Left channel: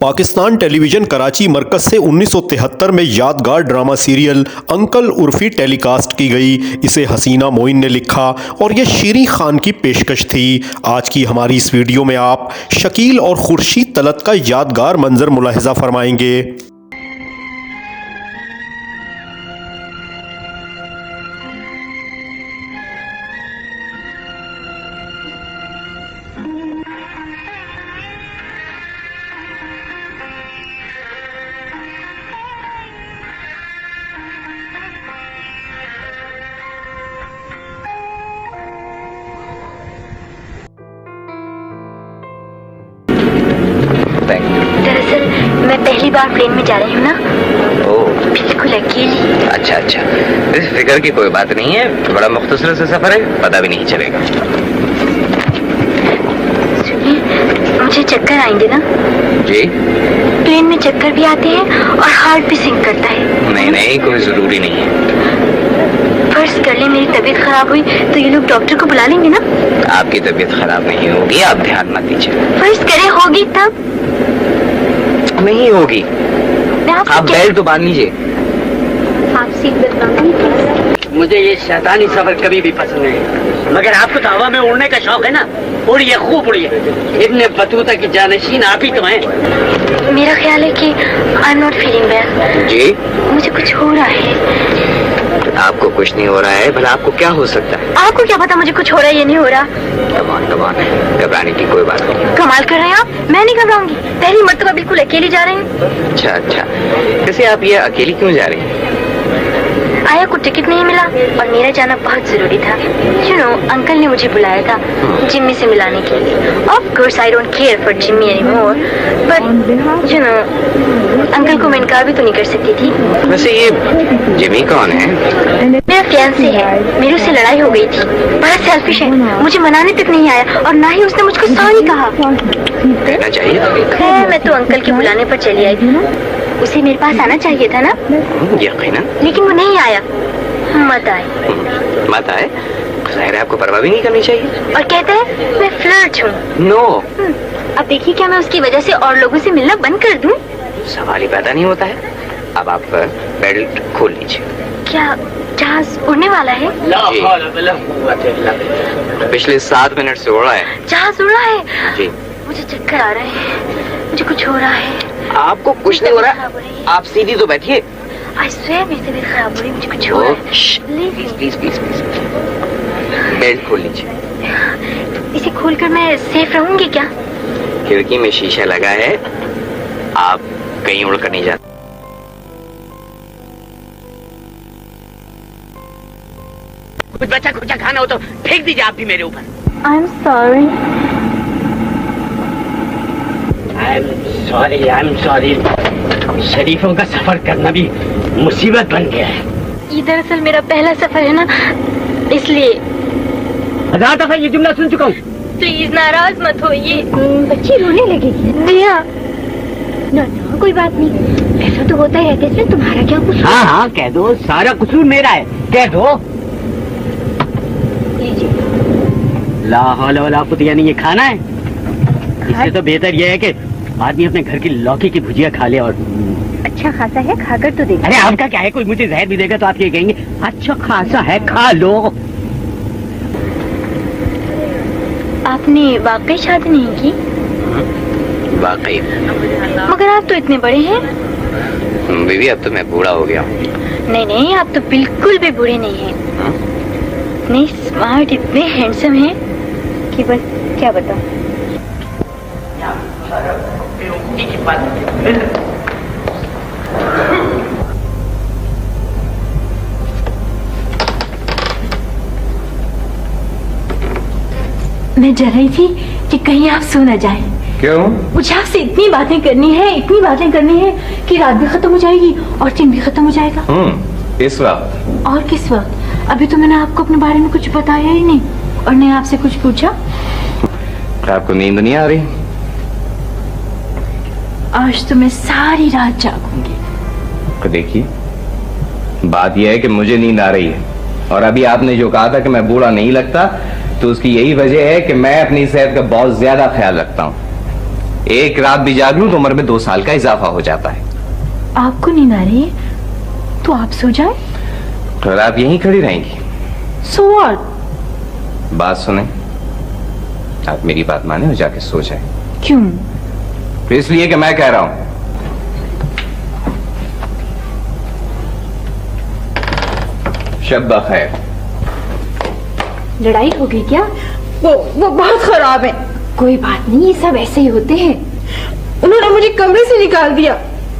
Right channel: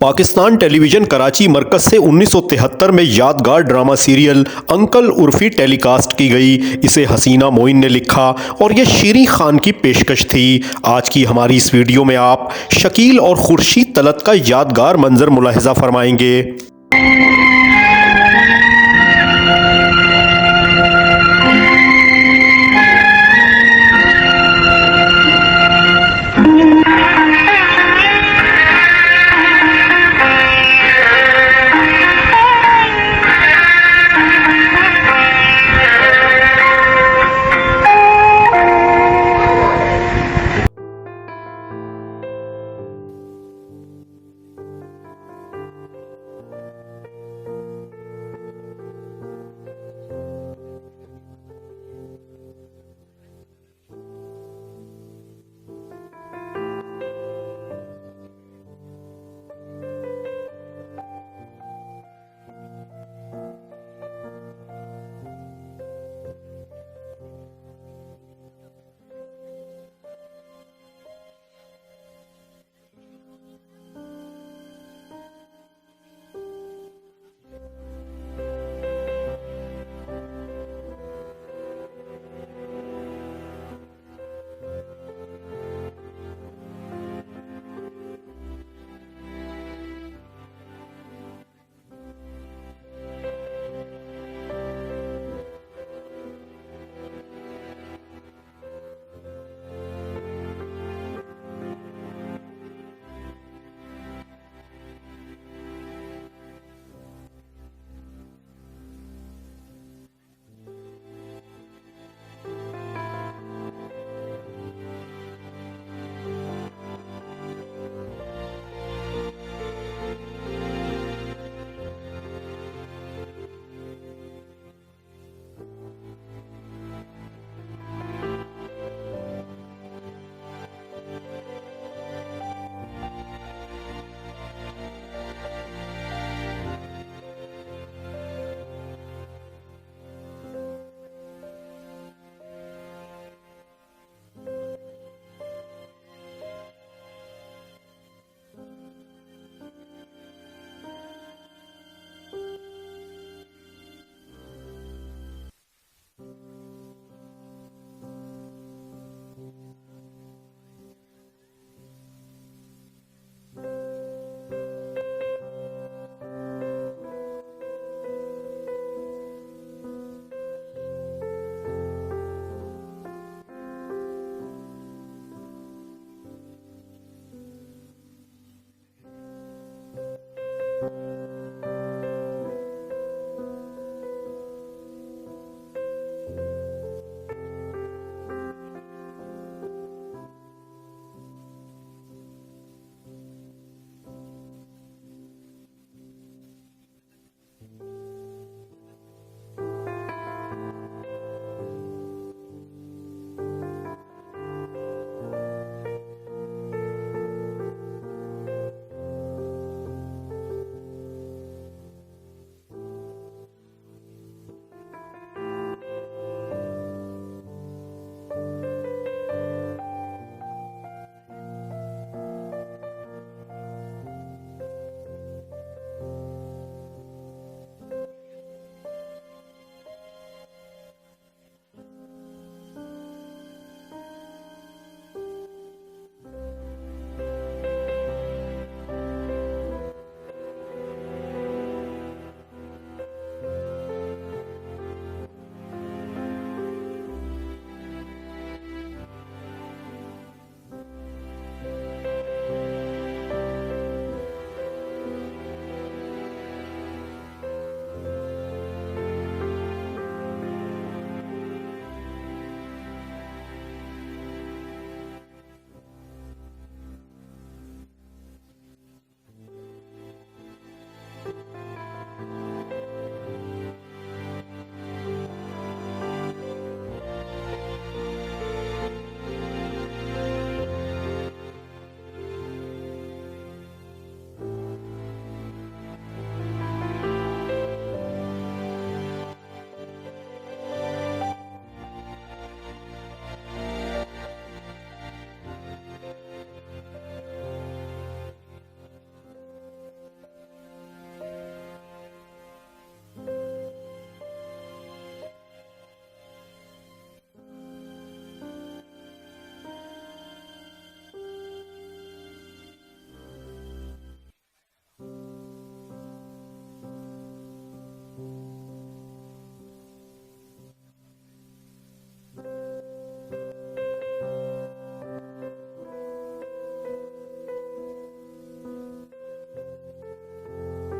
Pakistan television Karachi मरकज से 1973 में यादगार drama serial uncle Urfi telecast की गई। इसे हसीना मोइन ने लिखा और यह शीरीं खान की पेशकश थी। आज की हमारी इस वीडियो में आप शकील और खुर्शीद तलत का यादगार मंजर मुलाहिजा फरमाएंगे। दरअसल मैं पहली बार प्लेन में जा रही हूँ ना। ओह, बिल्कुल अकेली। अच्छा अच्छा, इस फिक्र की कोई बात नहीं है। बड़ा मुख्तसर से सफर है, पता भी नहीं चलेगा। सुनिए, मुझे चक्कर आएंगे ना? जी? प्लेन में चक्कर भी आते हैं और हार्ट भी सिंक करता है। नहीं नहीं, कोई जरूरी नहीं है। फर्ज कर ले मेरी तबीयत खराब हुई तो ये लोग डॉक्टर को बुला लेंगे ना? आपकी तबीयत खराब नहीं होगी, आप ध्यान मत दीजिए। फर्ज करे होगी तब? नहीं होगी। आप क्या? बेल्ट तो बांध लीजिए। आप सीट बेल्ट बांधिए। मुझे ये शैतानी सफर कभी भी पसंद नहीं, मगर आपको तो हवा में उड़ने का शौक है ना। उड़िए, खूब उड़िए। इब्ने बतूता की जानशीन आप ही तो हैं। मेरा ख्याल है कि I am not feeling well. जी? मुझे कुछ हो रहा है। आपको कुछ नहीं हो रहा है, भला आपको क्या हो सकता है? आपको क्या पता मुझे कुछ हो रहा है या नहीं हो रहा? कमान घबराने की कोई बात नहीं। कमाल कर रहे हैं आप। मैं नहीं घबराऊंगी। पहली मर्तबा बिल्कुल अकेली जा रही हूँ। अच्छा अच्छा, वैसे आप ये अकेली क्यों जा रही हैं? आया को टिकट नहीं मिला और मेरा जाना बहुत जरूरी था। यू नो, अंकल ने मुझे बुलाया था जिम्मी से मिलाने के लिए। Of course I don't care for Jimmy anymore, but you know, uncle को मैं इनकार भी तो नहीं कर सकती थी। वैसे ये जिमी कौन है? मेरा फियांसे है। मेरी उससे लड़ाई हो गई थी। बड़ा सेल्फिश है, मुझे मनाने तक नहीं आया और ना ही उसने मुझको सॉरी कहा। कहना चाहिए। खैर, मैं तो अंकल के बुलाने पर चली आई थी। उसे मेरे पास आना चाहिए था ना, यकीनन। लेकिन वो नहीं आया। मत आए। मत आए? ज़ाहिर है आपको परवाह भी नहीं करनी चाहिए। और कहता है मैं फ्लर्ट हूँ। नो। अब देखिए, क्या मैं उसकी वजह से और लोगों से मिलना बंद कर दूं? सवाल ही पैदा नहीं होता है। अब आप बेल्ट खोल लीजिए। क्या जहाज उड़ने वाला है? पिछले 7 मिनट से उड़ा है। जहाज उड़ रहा है? जी। मुझे चक्कर आ रहे हैं। मुझे कुछ हो रहा है। आपको कुछ नहीं हो रहा, आप सीधी तो बैठिए। आई स्वेयर मेरी तबीयत खराब हो रही है। मुझे कुछ हो रहा है। Please please please please, belt खोल लीजिए। इसे खोलकर मैं सेफ रहूंगी क्या? खिड़की में शीशा लगा है, आप कहीं उड़कर नहीं जाते। कुछ बच्चा कुछ खाना हो तो फेंक दीजिए आप भी मेरे ऊपर। I am sorry. I am sorry. शरीफों का सफर करना भी मुसीबत बन गया है। ये दरअसल मेरा पहला सफर है ना, इसलिए। 1000 दफा ये जुमला सुन चुका हूँ। प्लीज नाराज मत होइए। बच्ची रोने लगेगी। दिया ना ना, कोई बात नहीं। ऐसा तो होता है, इसमें तुम्हारा क्या कुछ? हाँ हाँ, कह दो, सारा कसूर मेरा है, कह दो। ला हौला वला कुव्वता, यानी ये खाना है? इससे तो बेहतर ये है कि आदमी अपने घर की लौकी की भुजिया खा ले। और अच्छा खासा है, खाकर तो देखो। अरे आपका क्या है, कोई मुझे जहर भी देगा तो आप ये कहेंगे अच्छा खासा है, खा लो। आपने वाकई शादी नहीं की? वाकई। मगर आप तो इतने बड़े हैं। बीवी, अब तो मैं बूढ़ा हो गया हूँ। नहीं नहीं, आप तो बिल्कुल भी बूढ़े नहीं हैं। नहीं, स्मार्ट, इतने हैंडसम हैं कि बस क्या बताऊं। मैं डर रही थी कि कहीं आप सो न जाएं। क्यों? मुझे आपसे इतनी बातें करनी है कि रात भी खत्म हो जाएगी और दिन भी खत्म हो जाएगा। इस वक्त? और किस वक्त? अभी तो मैंने आपको अपने बारे में कुछ बताया ही नहीं और नहीं आपसे कुछ पूछा। आपको नींद नहीं आ रही? आज तो मैं सारी रात जागूंगी। तो देखिए, बात यह है कि मुझे नींद आ रही है और अभी आपने जो कहा था कि मैं बूढ़ा नहीं लगता, तो उसकी यही वजह है कि मैं अपनी सेहत का बहुत ज्यादा ख्याल रखता हूँ। एक रात भी जाग लूं तो उम्र में 2 साल का इजाफा हो जाता है। आपको नींद आ रही है तो आप सो जाए। और आप यहीं खड़ी रहेंगी? So what? बात सुने, आप मेरी बात माने और जाके सो जाए। क्यों? तो इसलिए कि मैं कह रहा हूं। शब्बा खैर। लड़ाई हो गई क्या? वो बहुत खराब है। कोई बात नहीं, ये सब ऐसे ही होते हैं। उन्होंने मुझे कमरे से निकाल दिया।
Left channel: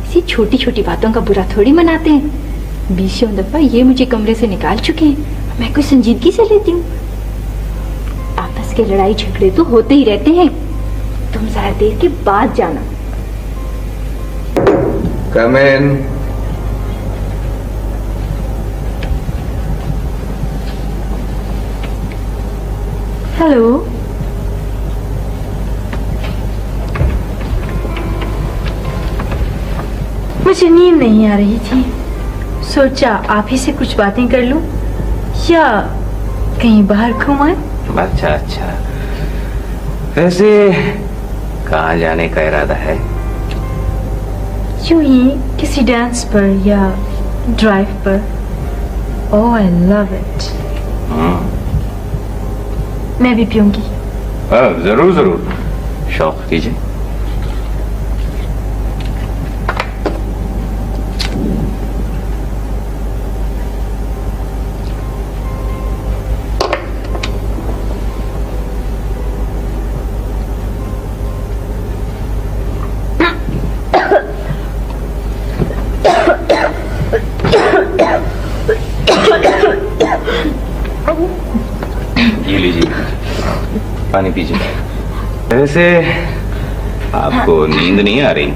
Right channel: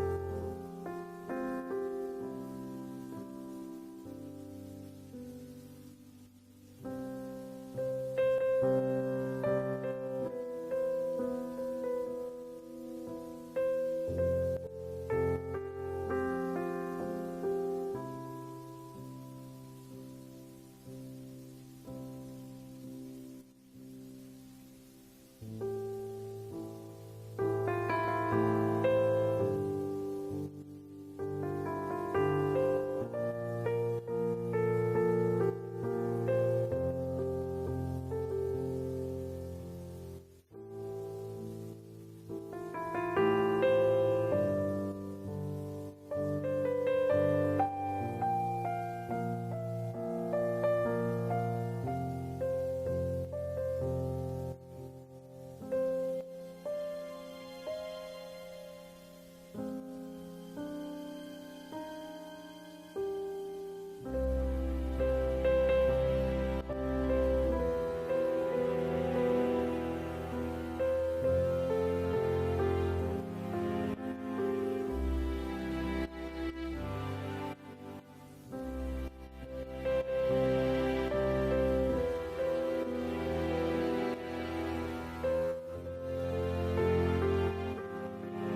इसी छोटी छोटी बातों का बुरा थोड़ी मनाते हैं। 20 दफा ये मुझे कमरे से निकाल चुके हैं, मैं कोई संजीदगी से लेती हूँ? आपस के लड़ाई झगड़े तो होते ही रहते हैं। तुम जरा देर के बाद जाना। कम इन। हेलो। मुझे नींद नहीं आ रही थी, सोचा आप ही से कुछ बातें कर लूं या कहीं बाहर घूम आए। अच्छा अच्छा, वैसे कहाँ जाने का इरादा है? यूं ही किसी डांस पर या ड्राइव पर। ओह आई लव इट। मैं भी पीऊंगी। जरूर जरूर, शौक कीजिए। ये लीजिए, पानी पीजिए। वैसे आपको नींद नहीं आ रही?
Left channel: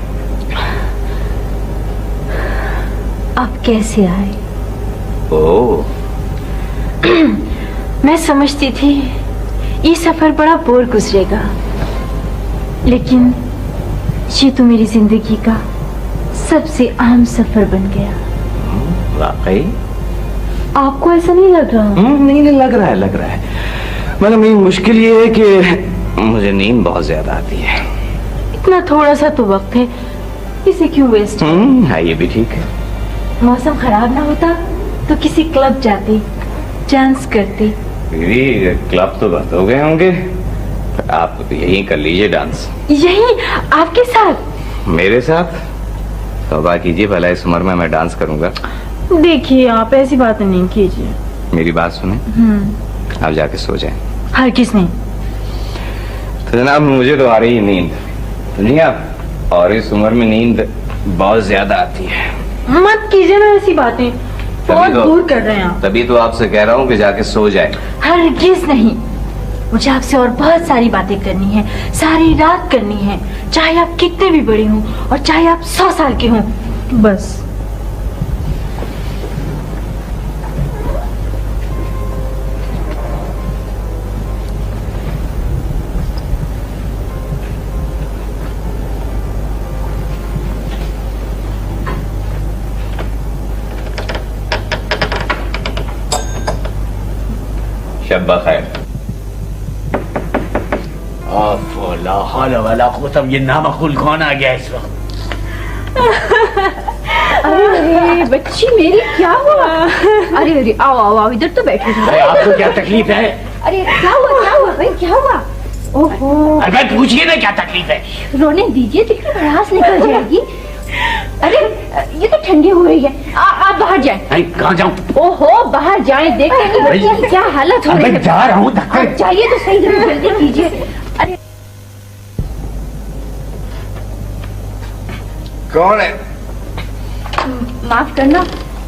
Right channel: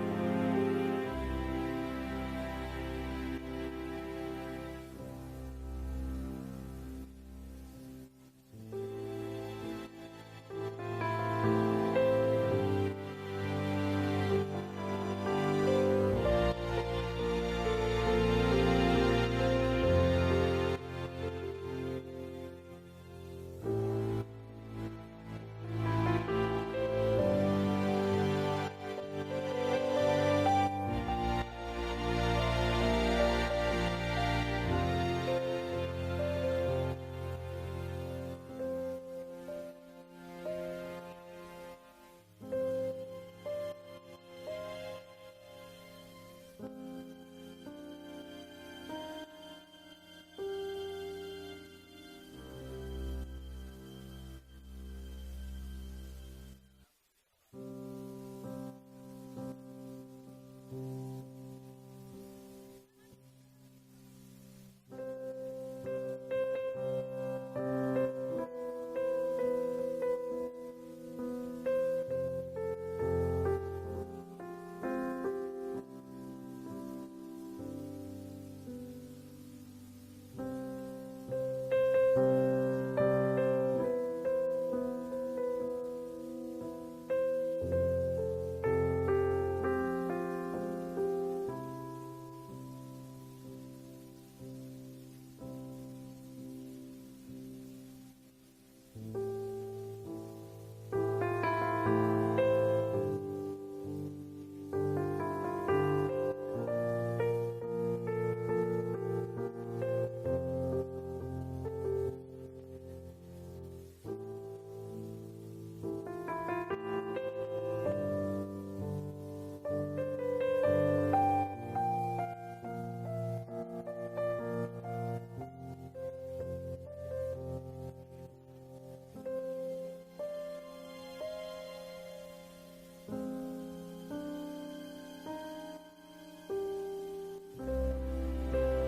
आप कैसे आए? ओह, मैं समझती थी ये सफर बड़ा बोर गुजरेगा, लेकिन ये तो मेरी जिंदगी का सबसे अहम सफर बन गया। वाकई? आपको ऐसा नहीं लग रहा? नहीं नहीं, लग रहा है लग रहा है। मतलब मेरी मुश्किल ये है कि मुझे नींद बहुत ज्यादा आती है। इतना थोड़ा सा तो वक्त है, इसे क्यों वेस्ट? हाँ, ये भी ठीक है। मौसम खराब ना होता तो किसी क्लब जाते, डांस करते। दीदी, क्लब तो बंद हो गए होंगे, आप यहीं कर लीजिए डांस। यही आपके साथ? मेरे साथ? तौबा कीजिए, भला इस उम्र में मैं डांस करूंगा? देखिए, आप ऐसी बातें नहीं कीजिए। मेरी बात सुने, आप जाके सो जाएं। हरगिज़ नहीं। तो जनाब, मुझे तो आ रही है नींद, सुनिए आप, और इस उम्र में नींद बहुत ज्यादा आती है। मत कीजिए ना ऐसी बातें, बहुत दूर कर रहे हैं आप। तभी तो आपसे कह रहा हूँ कि जाके सो जाए। हरगिज़ नहीं, मुझे आपसे और बहुत सारी बातें करनी है, सारी रात करनी है, चाहे आप कितने भी बड़े हों और चाहे आप 100 साल के हों। बस। शब्बा खैर। ला हौला वला कुव्वता, ये नामकूल कौन आ गया इस वक्त? अरे बच्ची मेरी, क्या हुआ? अरे अरे, आओ आओ आओ, इधर तो बैठो। अरे आपको क्या तकलीफ है? अरे क्या हुआ भाई, क्या हुआ? ओहो, अरे भाई पूछिए ना क्या तकलीफ है? रोने दीजिए, देखिए भड़ास निकल जाएगी। अरे ये तो ठंडी हो रही है, आप बाहर जाएं। अरे कहाँ जाऊँ? ओहो, बाहर जाएं, देखते नहीं बच्ची की क्या हालत हो रही है। जा रहा हूँ। आप जाइए तो सही, जल्दी कीजिए। अरे कौन है? माफ करना,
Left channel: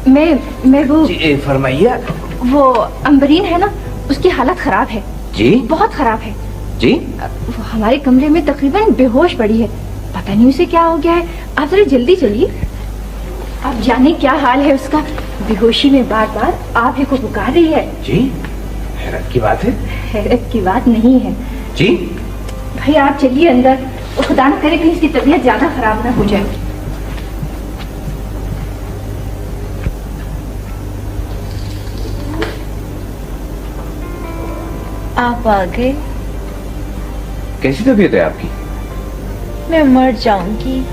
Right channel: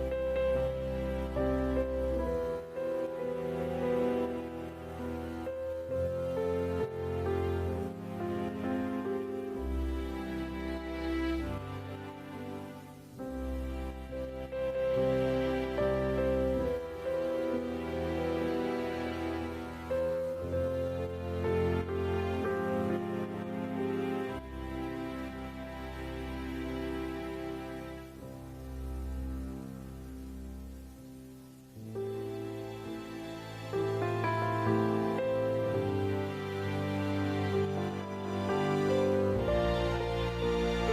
मैं वो फरमाइए। वो अम्बरीन है ना, उसकी हालत खराब है जी? बहुत खराब है जी? वो हमारे कमरे में तकरीबन बेहोश पड़ी है, पता नहीं उसे क्या हो गया है। आप जरा जल्दी चलिए, आप जाने क्या हाल है उसका। बेहोशी में बार बार आप ही को पुकार रही है। जी? हैरत की बात है। हैरत की बात नहीं है जी? भाई, आप चलिए अंदर, खुदा न करे कहीं इसकी तबीयत ज्यादा खराब ना हो जाए। आप आ गए। कैसी तबीयत है आपकी? मैं मर जाऊंगी।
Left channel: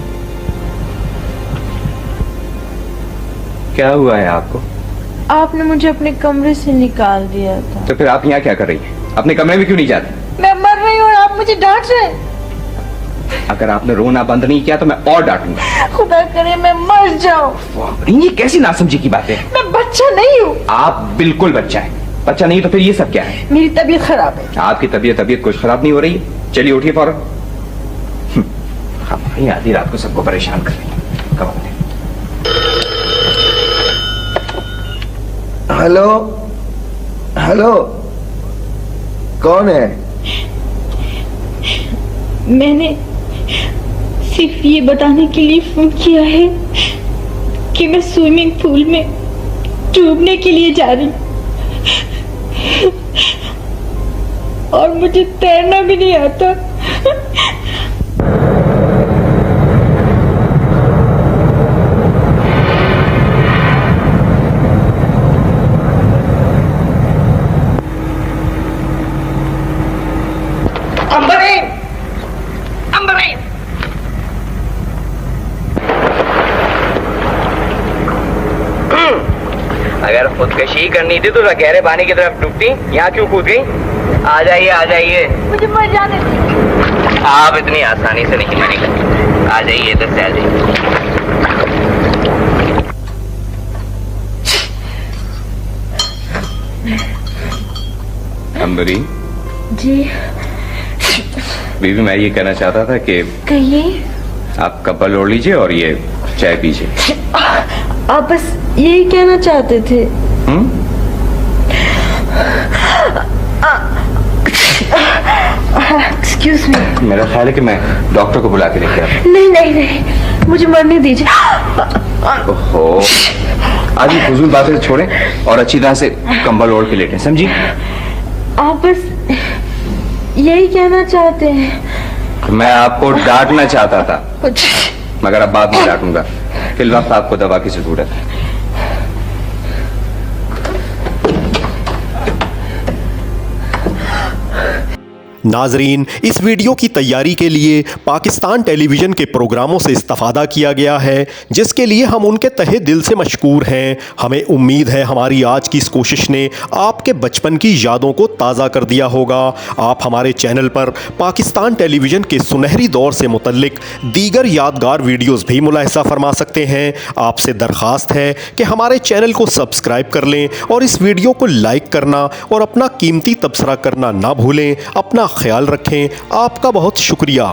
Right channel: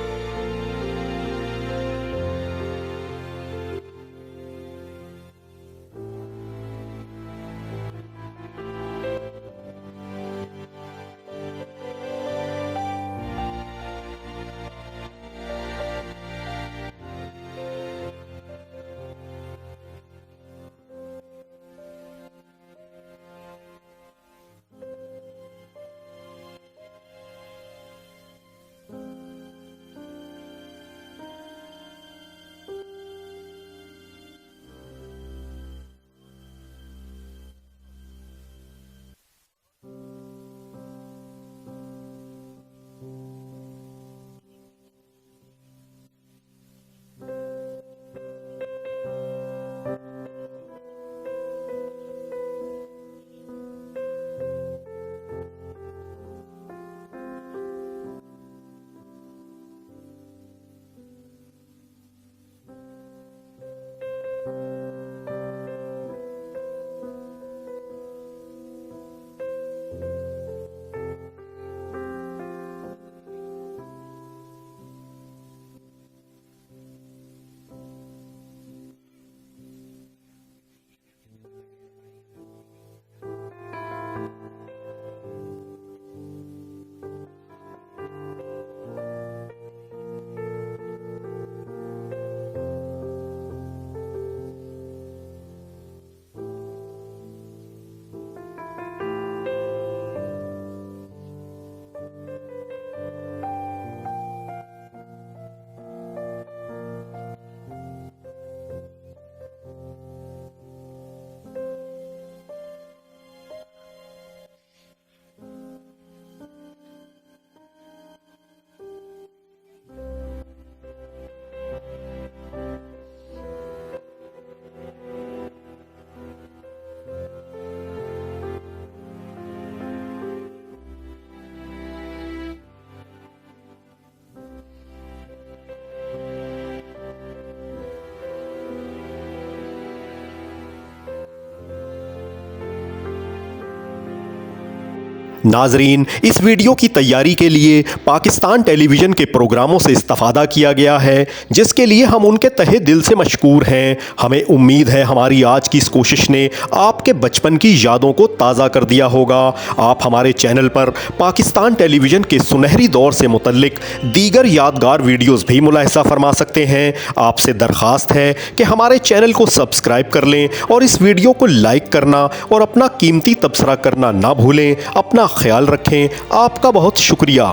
क्या हुआ है आपको? आपने मुझे अपने कमरे से निकाल दिया था। तो फिर आप यहाँ क्या कर रही हैं? अपने कमरे में क्यों नहीं जाती? मैं मर रही हूँ और आप मुझे डांट रहे हैं। अगर आपने रोना बंद नहीं किया तो मैं और डांटूंगा। खुदा करे मैं मर जाऊं। ये कैसी नासमझी की बात है? मैं बच्चा नहीं हूँ। आप बिल्कुल बच्चा है। बच्चा नहीं तो फिर ये सब क्या है? मेरी तबीयत खराब है। आपकी तबीयत कुछ खराब नहीं हो रही है? चलिए उठिए फौरन। हमारी आधी रात को सबको परेशान कर रही है। कब आते? हेलो हेलो, कौन है? मैंने सिर्फ ये बताने के लिए फोन किया है कि मैं स्विमिंग पूल में डूबने के लिए जा रही हूँ और मुझे तैरना भी नहीं आता। अगर खुदकशी करनी थी तो गहरे पानी की तरफ डूबती। यहाँ क्यों कूद गई? आ जाइए आ जाइए। मुझे मर जाने दीजिए। आप इतनी आसानी से नहीं मरेंगे। आ जाइए इधर से आ जाइए। अंबरी जी बीबी, मैं ये कहना चाहता था कि कहिए। आप कपल ओढ़ लीजिए और ये चाय पीजिए। आप बस यही कहना चाहते थे। Excuse me. मेरा ख्याल है कि मैं डॉक्टर को बुला के लेके आता नहीं नहीं नहीं, मुझे मरने दीजिए। हूं। ओहो, आज ये फजूल बातें छोड़ें और अच्छी तरह से कंबल ओढ़ के लेटें, समझी? आप बस यही कहना चाहते हैं। मैं आपको डांटना चाहता था मगर अब बाद में डांटूंगा। फिल वक्त आपको दवा की जरूरत है। नाजरीन, इस वीडियो की तैयारी के लिए पाकिस्तान टेलीविज़न के प्रोग्रामों से इस्तेफादा किया गया है, जिसके लिए हम उनके तहे दिल से मशकूर हैं। हमें उम्मीद है हमारी आज की इस कोशिश ने आपके बचपन की यादों को ताज़ा कर दिया होगा। आप हमारे चैनल पर पाकिस्तान टेलीविज़न के सुनहरी दौर से मुतल्लिक दीगर यादगार वीडियोज़ भी मुलाहिज़ा फरमा सकते हैं। आपसे दरख्वास्त है कि हमारे चैनल को सब्सक्राइब कर लें और इस वीडियो को लाइक करना और अपना कीमती तबसरा करना ना भूलें। अपना ख्याल रखें। आपका बहुत शुक्रिया।